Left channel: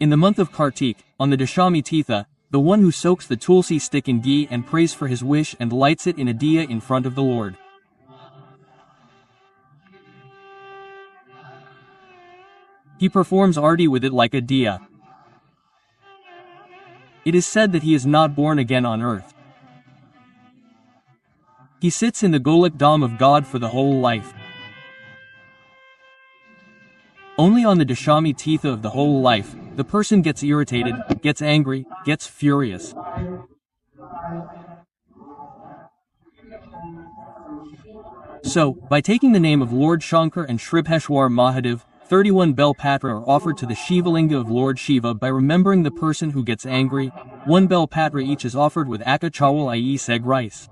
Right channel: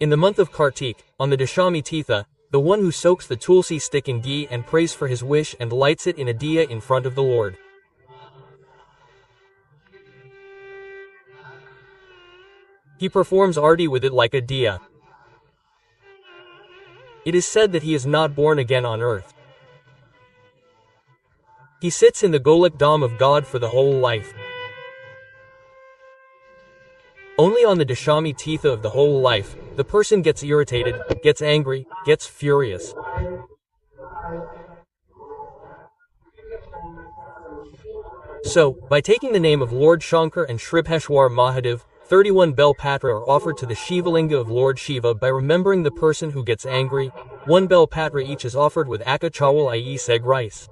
In the month of Kartik, on the Dashami Titha, the one who soaks the tulsi stick in ghee and prays for his wish and lights it in a diya in front of the Lord. He performs arti with it like a diya. It is said that he is not born again on earth. He sits in the Golak Dham of God for the whole life. Only on the Dashami Titha of the whole life, the person gets irritated, gets angry, gets furious. So, by taking the name of Lord Shankar and Shribheshwar Mahadev, 31 Bel Patra are offered to the Shivalinga of Lord Shiva by remembering the person who gets angry. 1 Bel Patra each is offered with akka chawal i.e. seg rice.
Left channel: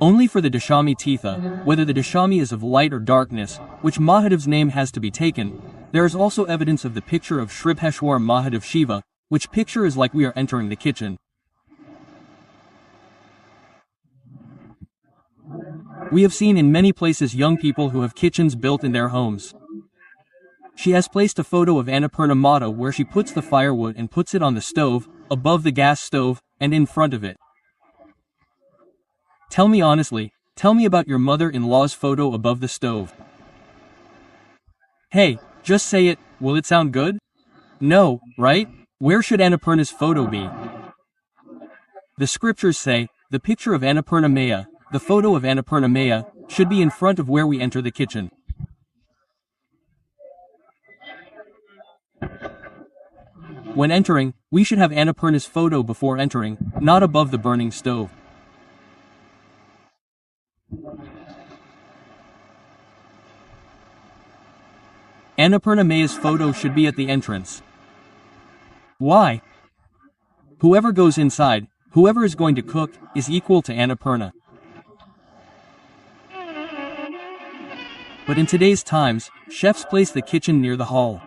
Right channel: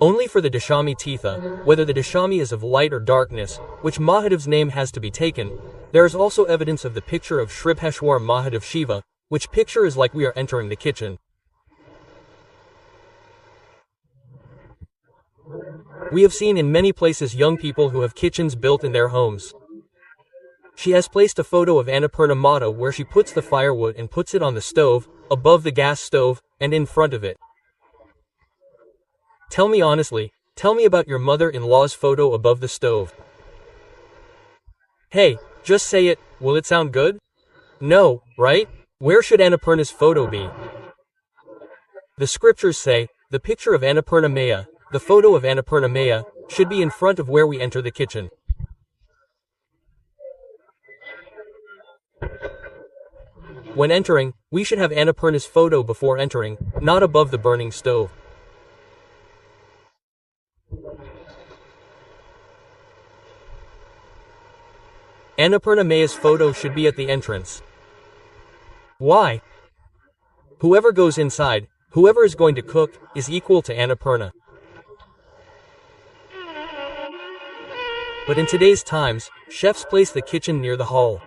Only for the Dashami Titha, whether the Dashami is of light or darkness, which Mahadev's name has to be taken, there is also evidence of the picture of Shribheshwar Mahadev Shiva, which picture is like we are entering the kitchen. We have seen in many places young people who have kitchens built in their homes. She has placed a photo of Annapurna Mata where she puts the firewood and puts it on the stove, above the gas stove, and in front of it. Tell me honestly, tell me about your mother-in-law's photo above the stove. Hey, just say it, will it sound good? No, right? Where should Annapurna's photo be? The scriptures say, the picture of Annapurna Maya, the photo of Annapurna Maya, should be in front of where we enter the kitchen. When entering, we should have Annapurna's photo before entering, not above the burning stove. Annapurna Maya's photo should be at the entrance. Why? Whoever goes inside, whoever is going to cook, is equal to Annapurna. But in today's times, chefs place the kitchen near the hall.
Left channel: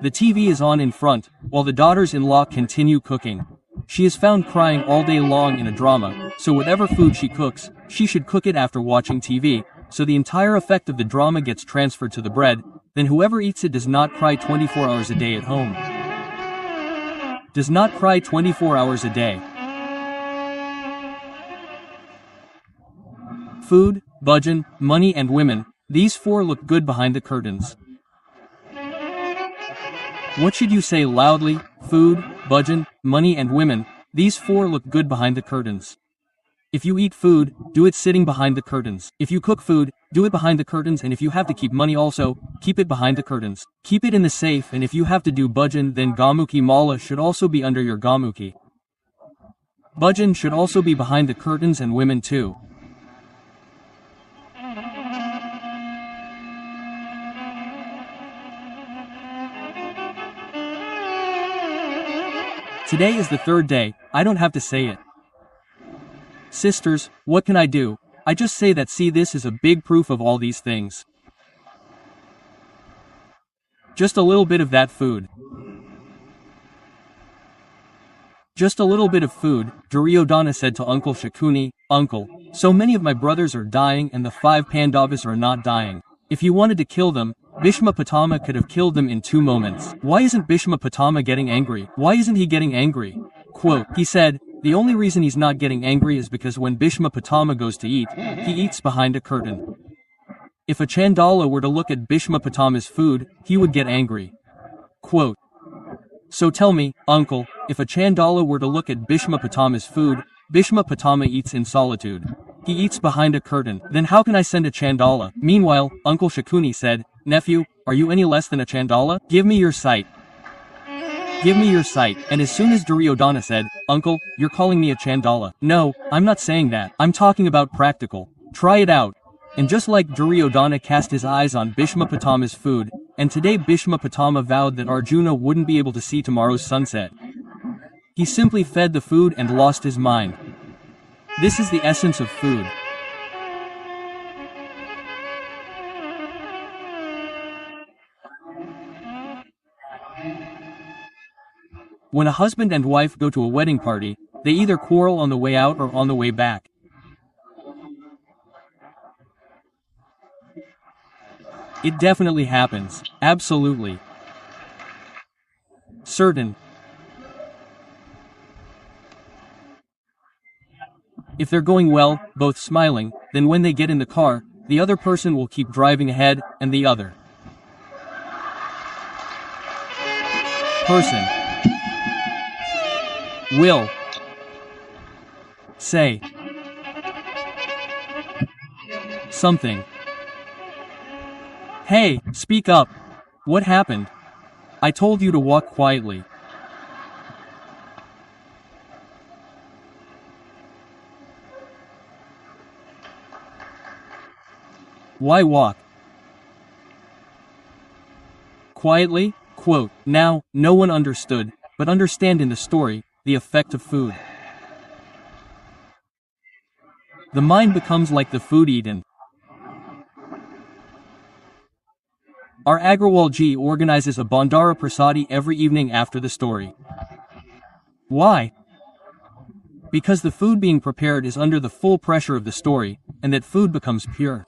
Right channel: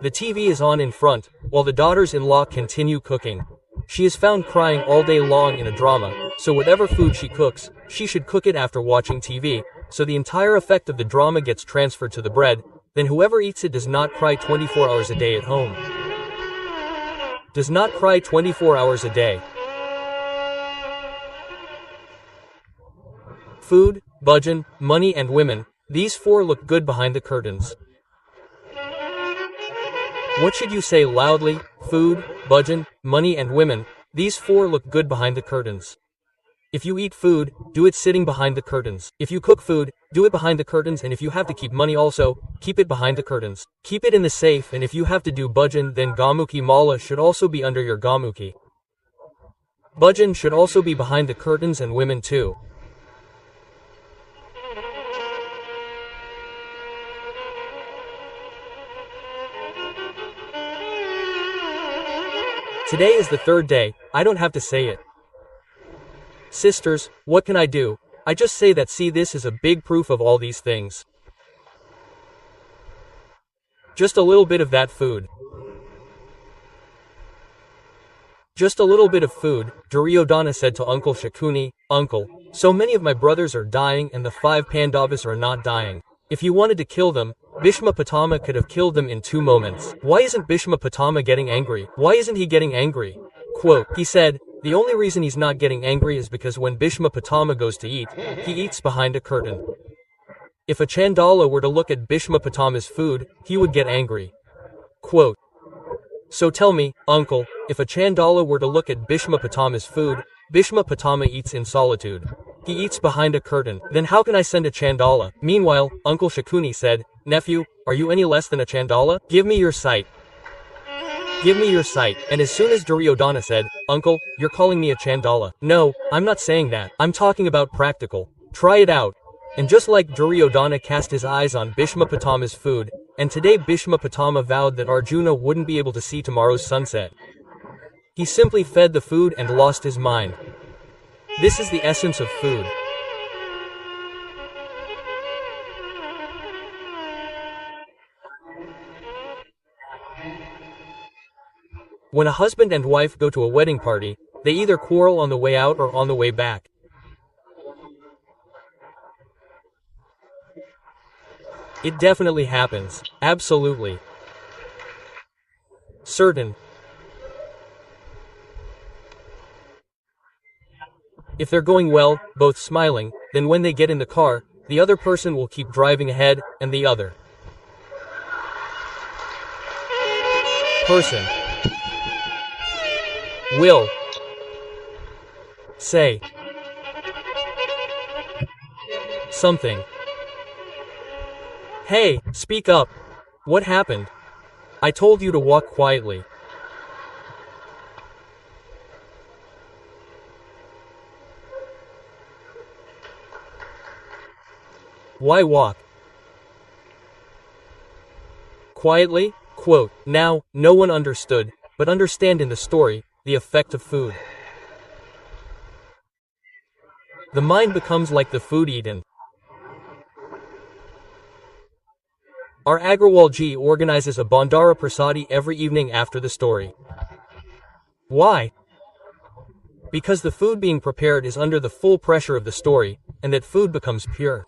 The TV is on in front, while the daughters-in-law continue cooking. She is found crying all day long in a drama, so whatever food she cooks, she should cook it after watching TV, so the entire effect of the drama gets transferred to the bread, then whoever eats it does not cry 24 hours a day at home. Does not cry 24 hours a day. Food, bhajan, money and women, these four look good behind the curtains. What should you say loudly? Food, bhajan, money and women, these four look good behind the curtains. If you eat food, do it sitting behind the curtains. If you cook food, do it behind the curtains, and if you have to keep money also, keep it behind the curtains. Keep it in the safe, and if you have to do bhajan, then Gamuki Mala should also be under your Gamuki. Bhajan should also be behind the curtains and women too. Today is the third day, I don't have to say it. Sisters, what can I do? I just say that see this is a big proof of all these things. Just a little bit of that food. Just a little bit of food, Duryodhana said to Uncle Shakuni, Uncle, so many of my brothers are dying and the 5 Pandavas are not dying. If you wanted to kill them, Bhishma Pitama could have killed them in 2 moments. Why isn't Bhishma Pitama getting angry? Why isn't he getting angry? Quote, he said, the only reason he's not getting angry is because when Bhishma Pitama goes to eat, he eats behind a curtain. If a Chandala were to look at Bhishma Pitama's food, he would get angry. Quote, so tell me, uncle, if a Chandala were to look at Bhishma Pitama's food, Bhishma Pitama eats in solitude. He eats behind a curtain. Then how can I send a Chandala? Meanwhile, Uncle Shakuni said, nephew, are you any less than a Chandala? Give me your sight. Give me your sight. And as soon as Duryodhana said, Uncle, you're calling me a Chandala. No, I'm not saying that. I'm talking about practical. Try it out. And just like Duryodhana cast his eyes on Bhishma Pitama's food, and today Bhishma Pitama vowed that Arjuna wouldn't be able to see tomorrow's sunset. He simply fed the food and lost his mind. This is the essence of food. When a husband and wife go to a wedding party, they either quarrel on the way out or on the way back. It definitely happens. Absolutely. Certain. If they're going well, both smiling, then when they get in the car, the other person will keep driving ahead, and the other person will say something. Hey, speak up. What happened? I told you to walk quietly. Why walk quietly? Quote, now, no one understood, but understand in the story, the effect of food. The mind becomes like the food eaten. Our Agrawalji organizes a Bandara Prasadi every evening after the story. Why? Because the food being prepared is under the full pressure of the story, and that food becomes pure.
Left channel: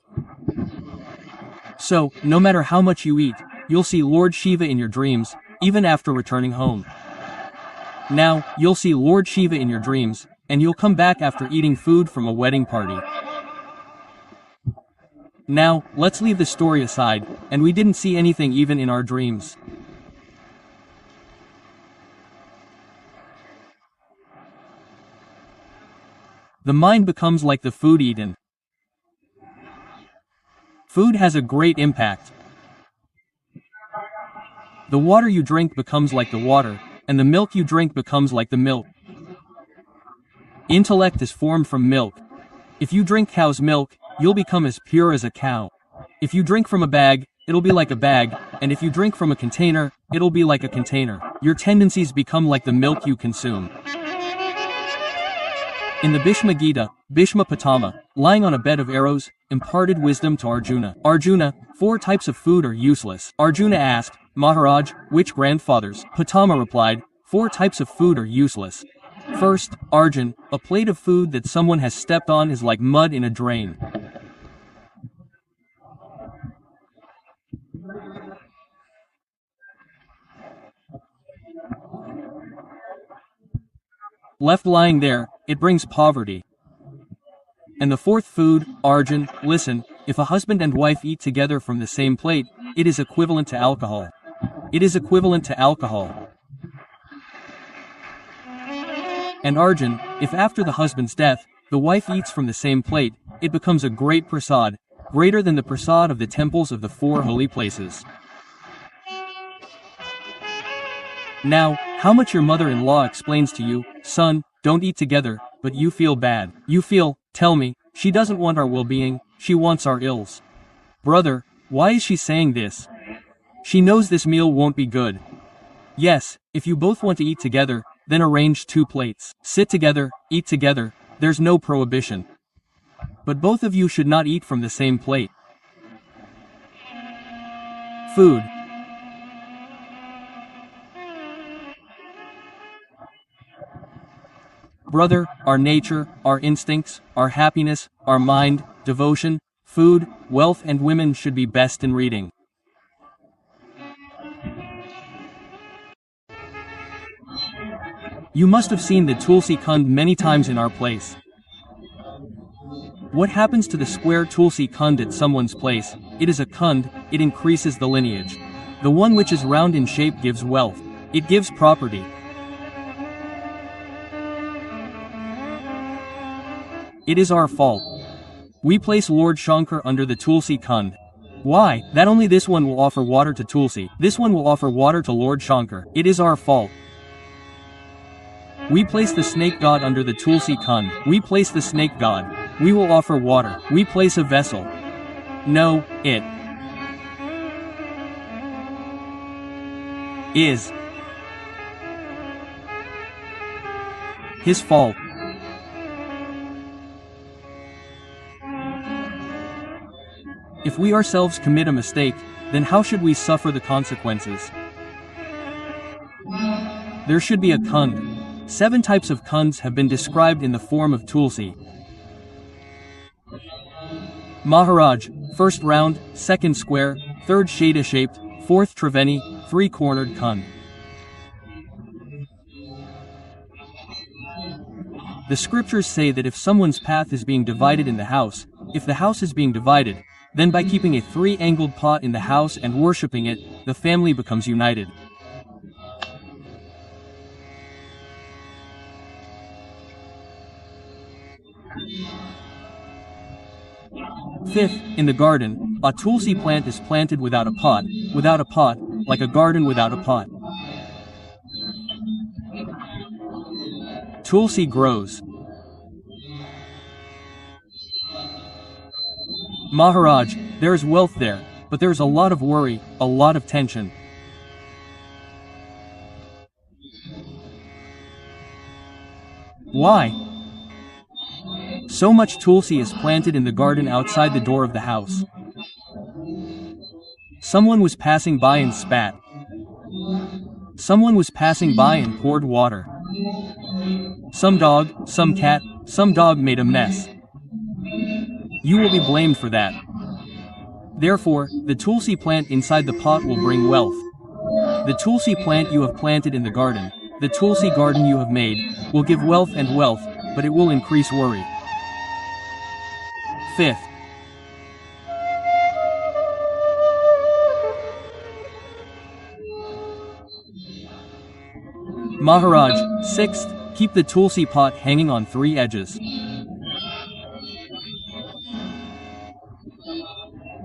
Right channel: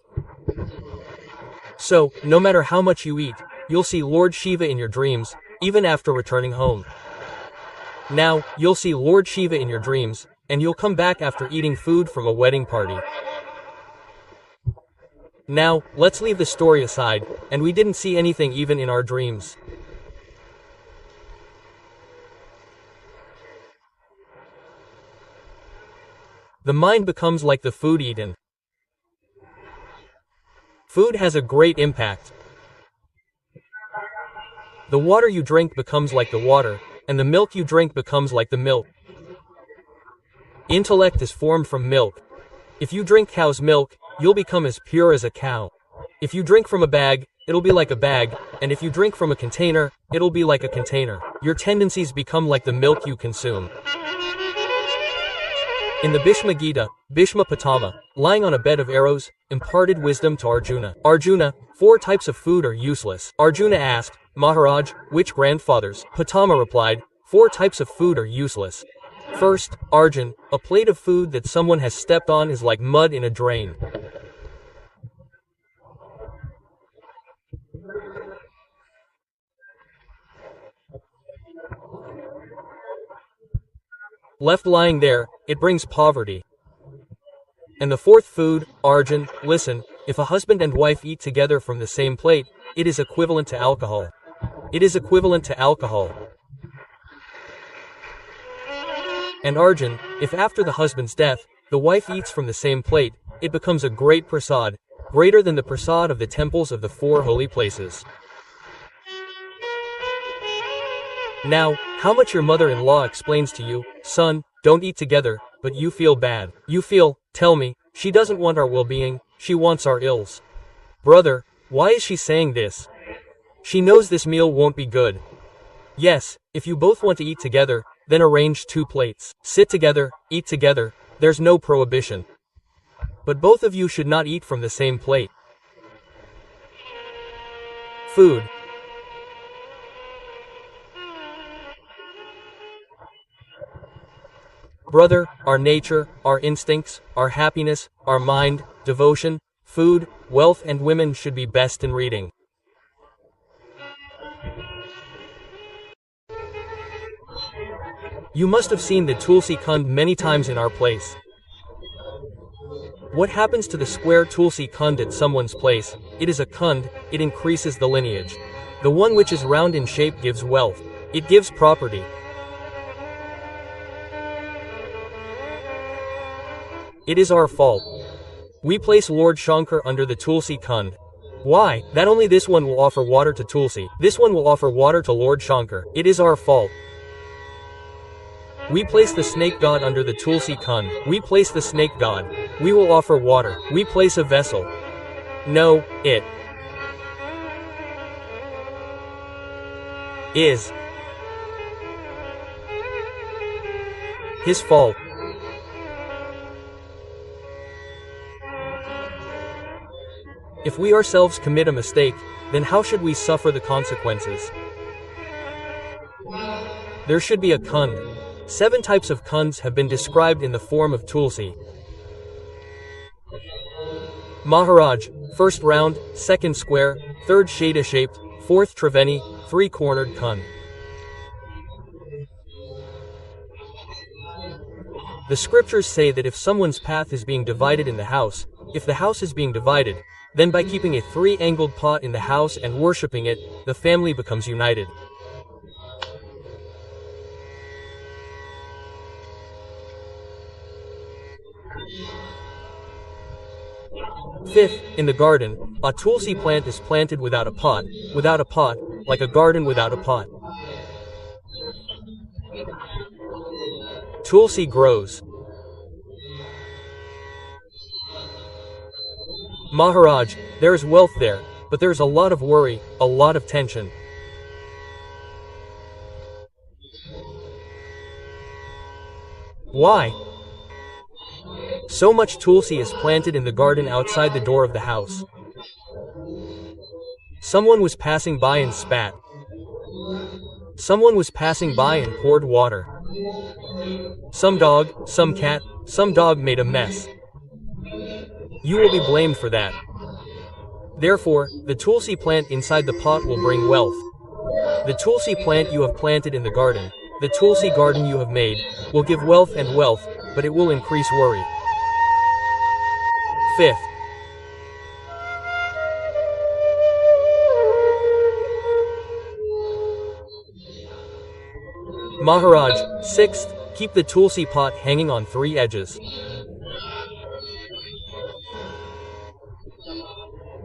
So, no matter how much you eat, you'll see Lord Shiva in your dreams, even after returning home. Now, you'll see Lord Shiva in your dreams, and you'll come back after eating food from a wedding party. Now, let's leave the story aside, and we didn't see anything even in our dreams. The mind becomes like the food eaten. Food has a great impact. The water you drink becomes like the water, and the milk you drink becomes like the milk. Intellect is formed from milk. If you drink cow's milk, you'll become as pure as a cow. If you drink from a bag, it'll be like a bag, and if you drink from a container, it'll be like a container. Your tendencies become like the milk you consume. In the Bhishma Gita, Bhishma Pitama, lying on a bed of arrows, imparted wisdom to Arjuna. Arjuna, 4 types of food are useless. Arjuna asked, Maharaj, which grandfathers? Pitama replied, 4 types of food are useless. First, Arjun, a plate of food that someone has stepped on is like mud in a drain. Left lying there, it brings poverty. And the 4th food, Arjun, listen, if a husband and wife eat together from the same plate, it is equivalent to alcohol. It is equivalent to alcohol. And Arjun, if after the husband's death, the wife eats from the same plate, it becomes a great prasad, greater than the prasad of the temples of the 4 holy places. Now, how much your mother-in-law explains to you, son, don't eat together, but you feel bad. You feel, tell me, she doesn't want our well-being, she wants our ills. Brother, why is she saying this? She knows this meal won't be good. Yes, if you both want to eat together, then arrange 2 plates. Sit together, eat together, there's no prohibition. But both of you should not eat from the same plate. Food. Brother, our nature, our instincts, our happiness, our mind, devotion, food, wealth and women should be best in reading. You must have seen the Tulsi Kund many times in our place. What happens to the square Tulsi Kund at someone's place? It is a Kund, it increases the lineage. The one which is round in shape gives wealth. It gives property. It is our fault. We place Lord Shankar under the Tulsi Kund. Why? That only this one will offer water to Tulsi. This one will offer water to Lord Shankar. It is our fault. We place the snake god under the Tulsi Kund. We place the snake god. We will offer water. We place a vessel. No, it is his fault. If we ourselves commit a mistake, then how should we suffer the consequences? There should be a Kund. 7 types of Kunds have been described in the form of Tulsi. Maharaj, 1st round, 2nd square, third shada-shaped, fourth triveni, three-cornered kun. The scriptures say that if someone's path is being divided in the house, if the house is being divided, then by keeping a three-angled pot in the house and worshipping it, the family becomes united. Fifth, in the garden, a tulsi plant is planted without a pot, like a garden without a pot. Tulsi grows. Maharaj, there is wealth there, but there is a lot of worry, a lot of tension. Why? So much tulsi is planted in the garden outside the door of the house. Someone was passing by and spat. Someone was passing by and poured water. Some dog, some cat, some dog made a mess. You will be blamed for that. Therefore, the tulsi plant inside the pot will bring wealth. The tulsi plant you have planted in the garden, the tulsi garden you have made, will give wealth, but it will increase worry. Fifth, Maharaj, sixth, keep the tulsi pot hanging on three edges.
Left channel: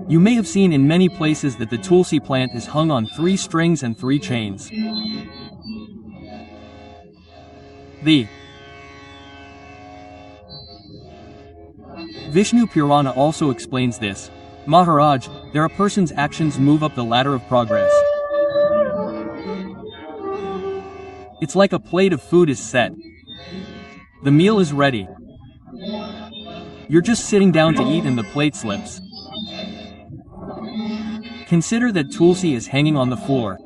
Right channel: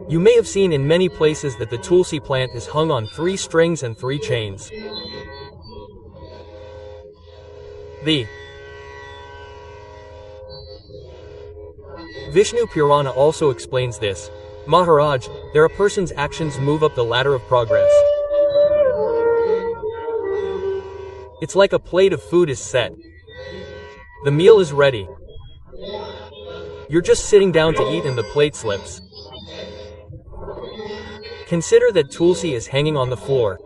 You may have seen in many places that the tulsi plant is hung on three strings and three chains. The Vishnu Purana also explains this. Maharaj, there a person's actions move up the ladder of progress. It's like a plate of food is set. The meal is ready. You're just sitting down to eat and the plate slips. Consider that tulsi is hanging on the floor.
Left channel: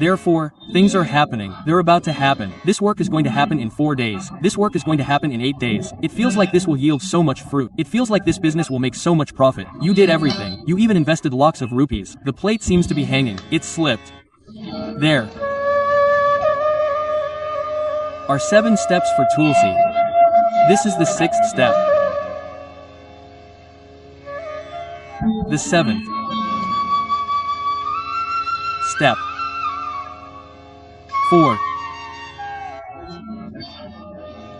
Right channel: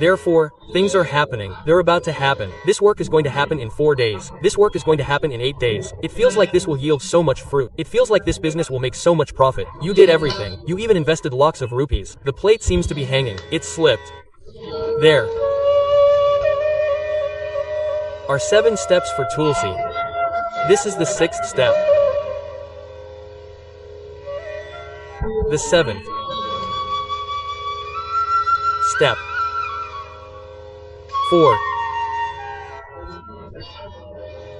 Therefore, things are happening. They're about to happen. This work is going to happen in 4 days. This work is going to happen in 8 days. It feels like this will yield so much fruit. It feels like this business will make so much profit. You did everything. You even invested lakhs of rupees. The plate seems to be hanging. It slipped. There are 7 steps for tulsi. This is the 6th step. The 7th step. 4.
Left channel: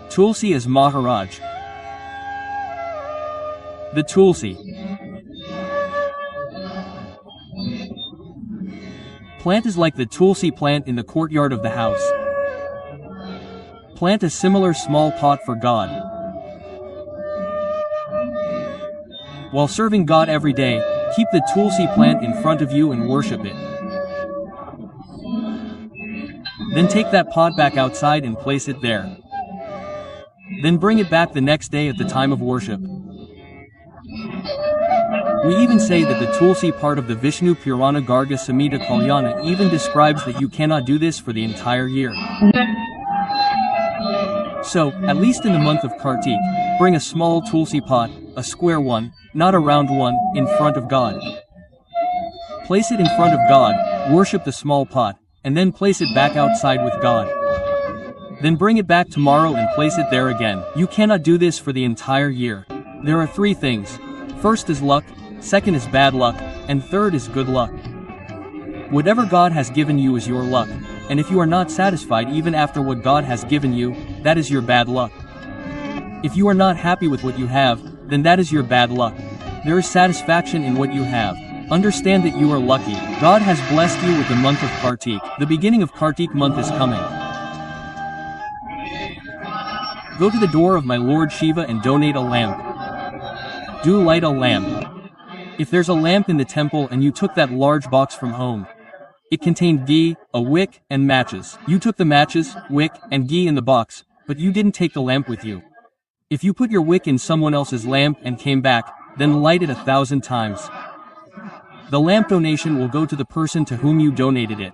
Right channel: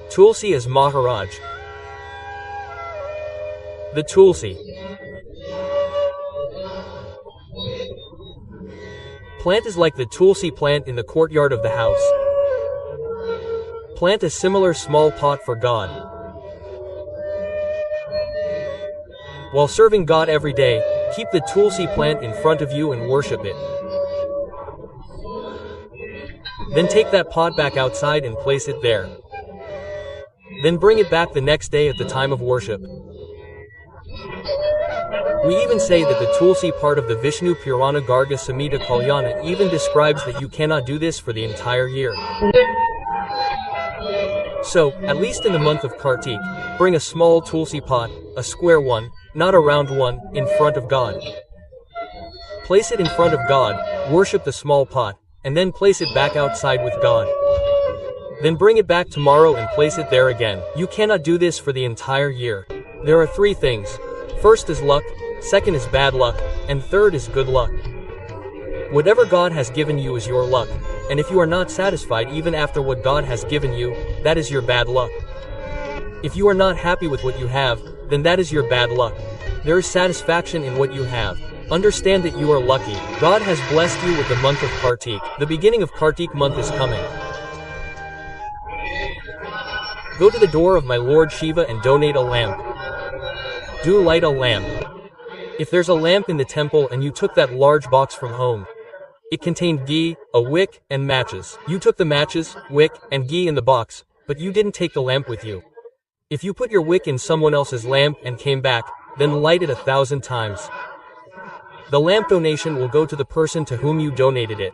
Tulsi is Maharaj. The tulsi plant is like the tulsi plant in the courtyard of the house. Plant a similar small pot for God. While serving God every day, keep the tulsi plant in front of you and worship it. Then take that pot back outside and place it there. Then bring it back the next day at the time of worship. We even say that the tulsi part of the Vishnu Purana Garga Samhita Kalyana even describes that you cannot do this for the entire year. So, at least in the month of Kartik, bring a small tulsi pot, a square one, not a round one, in front of God. Place it in front of God, worship the small pot, and then place it back outside with God. Then bring it back tomorrow and place it there again. You cannot do this for the entire year. There are 3 things. First is luck, second is bad luck, and third is good luck. Whatever God has given you is your luck, and if you are not satisfied even after what God has given you, that is your bad luck. If you are not happy with what you have, then that is your bad luck. There is satisfaction in what you have. Understand that you are lucky. God has blessed you with the month of Kartik. The beginning of Kartik month is coming. Go to the door of my Lord Shiva and donate a lamp. Do light a lamp. If there's a lamp in the temple and you took that large box from home, it contained ghee, a wick, and matches. You took the matches, wick, and ghee in the box, but you didn't take the lamp with you. If you put your wick in someone else's lamp and came back, then light it 1,000 times. The lamp donation will go to the person to whom you donated it.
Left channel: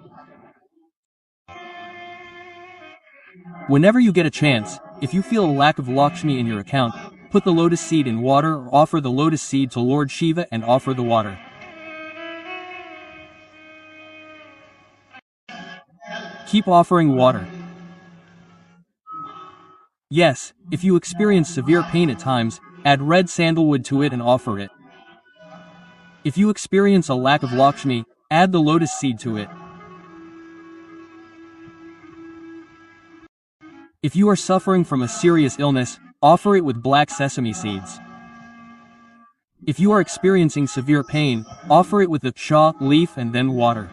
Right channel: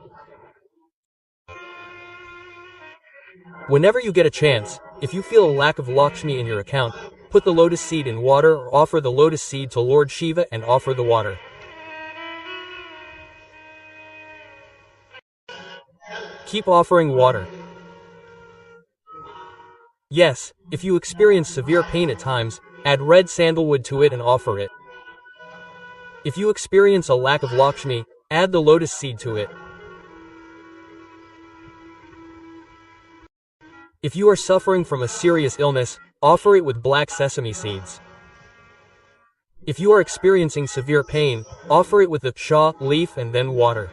Whenever you get a chance, if you feel a lack of Lakshmi in your account, put the lotus seed in water or offer the lotus seed to Lord Shiva and offer the water. Keep offering water. Yes, if you experience severe pain at times, add red sandalwood to it and offer it. If you experience a lack of Lakshmi, add the lotus seed to it. If you are suffering from a serious illness, offer it with black sesame seeds. If you are experiencing severe pain, offer it with the shah leaf and then water.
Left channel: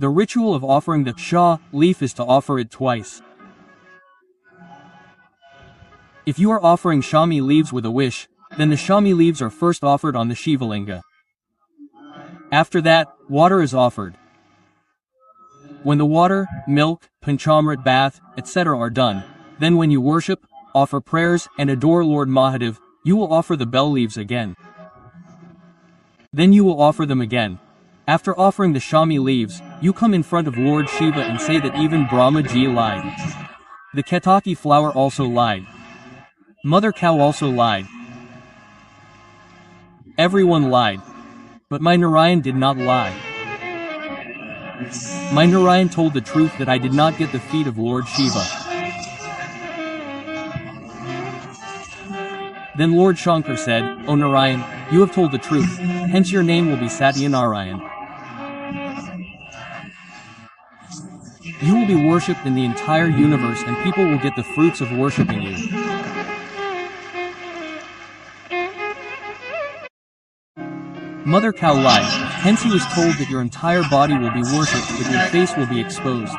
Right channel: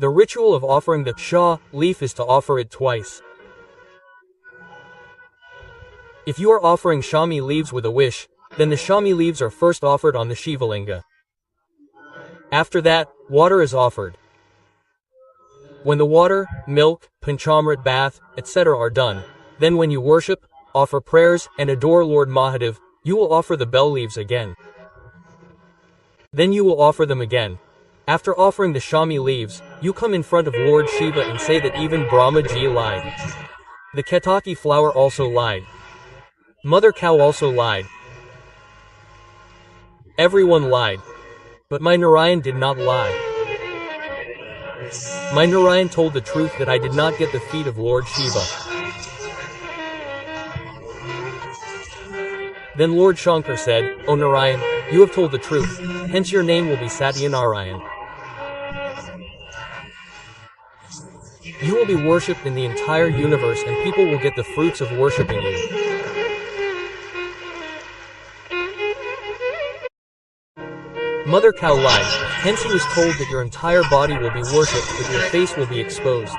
The ritual of offering the shah leaf is to offer it twice. If you are offering shami leaves with a wish, then the shami leaves are first offered on the Shivalinga. After that, water is offered. When the water, milk, panchamrit bath, etc. are done, then when you worship, offer prayers, and adore Lord Mahadev, you will offer the bell leaves again. Then you will offer them again. After offering the shami leaves, you come in front of Lord Shiva and say that even Brahmaji lied. The ketaki flower also lied. Mother cow also lied. Everyone lied. But my Narayan did not lie. My Narayan told the truth that I did not get the feet of Lord Shiva. Then Lord Shankar said, "O Narayan, you have told the truth, hence your name will be Satya Narayan. You will be worshipped in the entire universe and people will get the fruits of worshipping you." Mother cow lied, hence he was told that your entire body will be worshipped but your face will be exposed.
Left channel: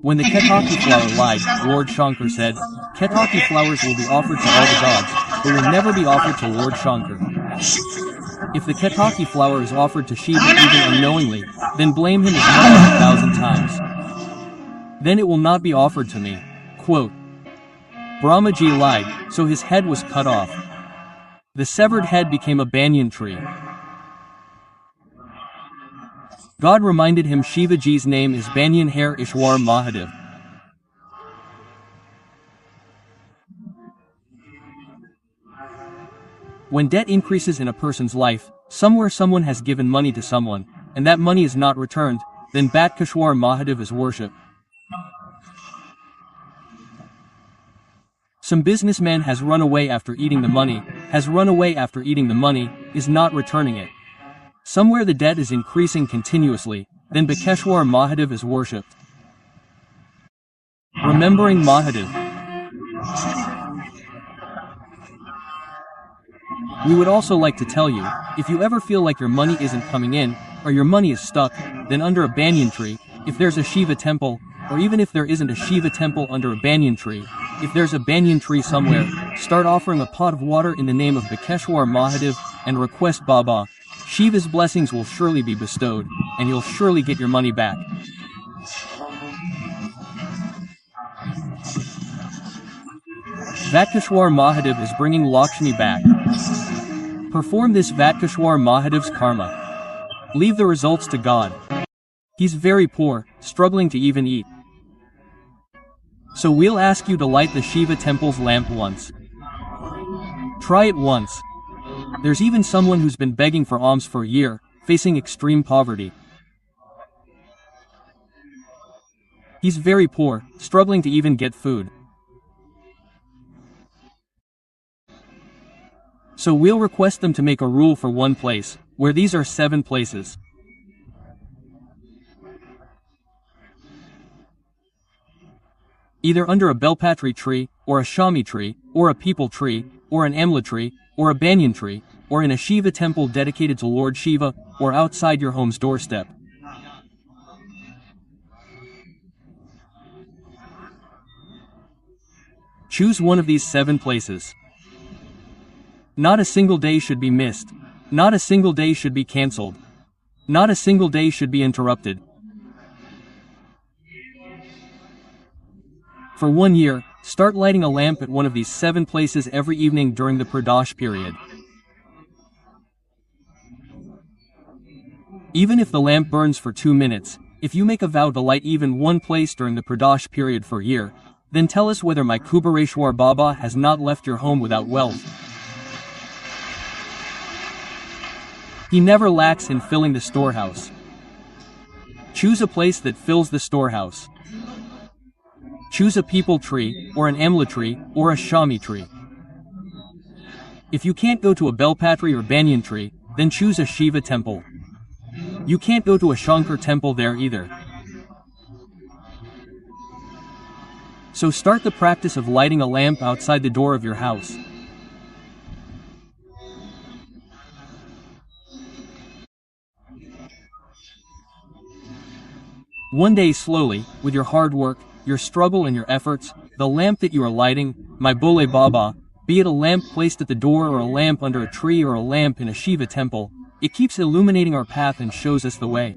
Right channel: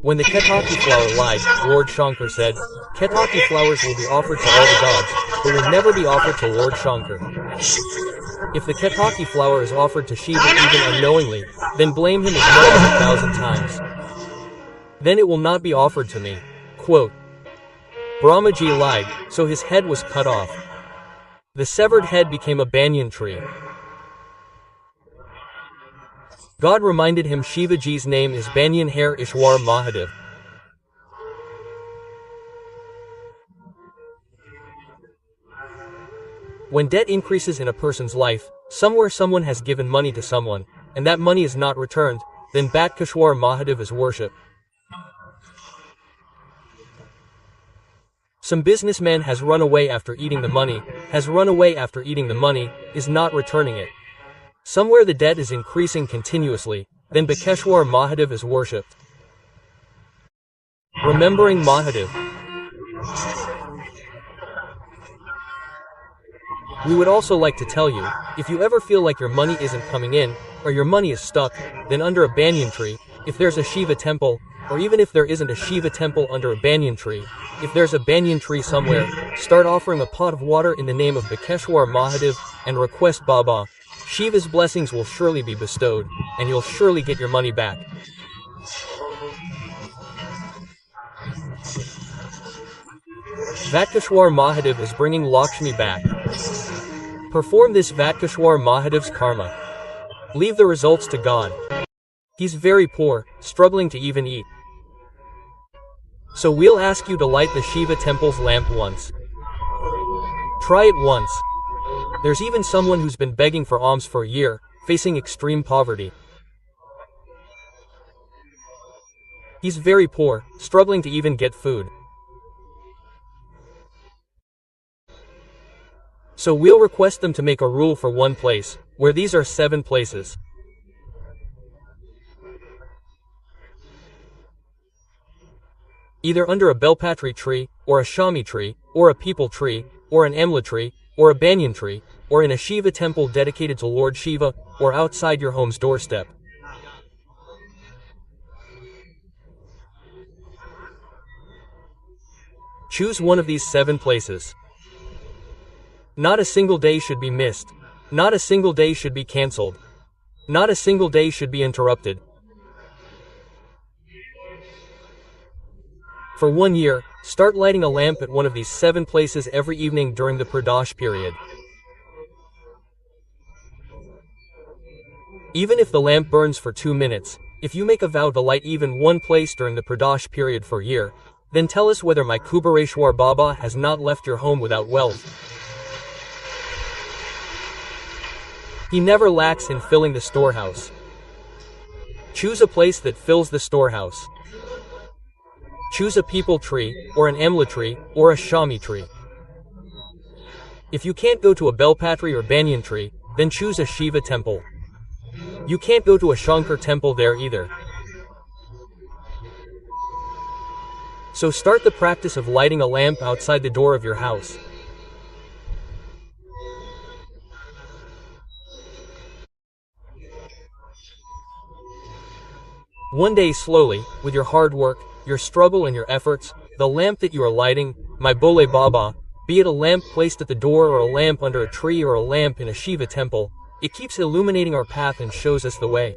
When the ketaki flower lied, Lord Shankar said, "Ketaki flowers will be offered to all the gods, but will never be offered to Lord Shankar. If the ketaki flower is offered to Shiva even unknowingly, then blame him as much as 1,000 times. Then it will not be offered to me." Quote, Brahmaji lied, so his head was cut off. The severed head became a banyan tree. God reminded him Shivaji's name is Banyan Hair Ishwar Mahadev. When debt increases in a person's life, somewhere someone has given money to someone, and that money is not returned, then Batkeshwar Mahadev is worshipped. Some businessman has run away after eating the money, is not returning it. Somewhere the debt is increasing continuously, then Bakeshwar Mahadev is worshipped. Remembering Mahadev. We would also like to tell you, if you ever feel like your money isn't coming in, or your money is stuck, then under a banyan tree, if there's a Shiva temple, or even if there isn't a Shiva temple under a banyan tree, if there's a banyan tree somewhere, start offering a pot of water in the name of Bakeshwar Mahadev, and request Baba. Shiva's blessings will surely be bestowed, and you'll surely get your money back. Vatkeshwar Mahadev is bringing Lakshmi back. Perform this Vatkeshwar Mahadev's karma. Leave the results to God. He's very poor, struggling to even eat. So we'll ask you to light the Shiva temple's lamp once. Try it once. There's even someone who's been begging for alms for a year, facing extreme poverty. He's very poor, struggling to even get food. So we'll request them to make a rule for one place, where these are 7 places. Either under a belpatri tree, or a shami tree, or a peepal tree, or an amla tree, or a banyan tree, or in a Shiva temple dedicated to Lord Shiva, or outside your home's doorstep. Choose one of these 7 places. Not a single day should be missed. Not a single day should be cancelled. Not a single day should be interrupted. For 1 year, start lighting a lamp at one of these 7 places every evening during the pradosh period. Even if the lamp burns for 2 minutes, if you make a vow to light even one place during the pradosh period for a year, then tell us whether my Kubereshwar Baba has not left your home without wealth. He never lacks in filling the storehouse. Choose a place that fills the storehouse. Choose a peepal tree, or an amla tree, or a shami tree. If you can't go to a belpatri or banyan tree, then choose a Shiva temple. You can't go to a Shankar temple there either. So start the practice of lighting a lamp outside the door of your house. One day slowly, with your hard work, your struggle and your efforts, the lamp that you are lighting, my Bole Baba, be it a lamp placed at the door or a lamp under a tree or a lamp in a Shiva temple, it keeps illuminating our path and shows us the way.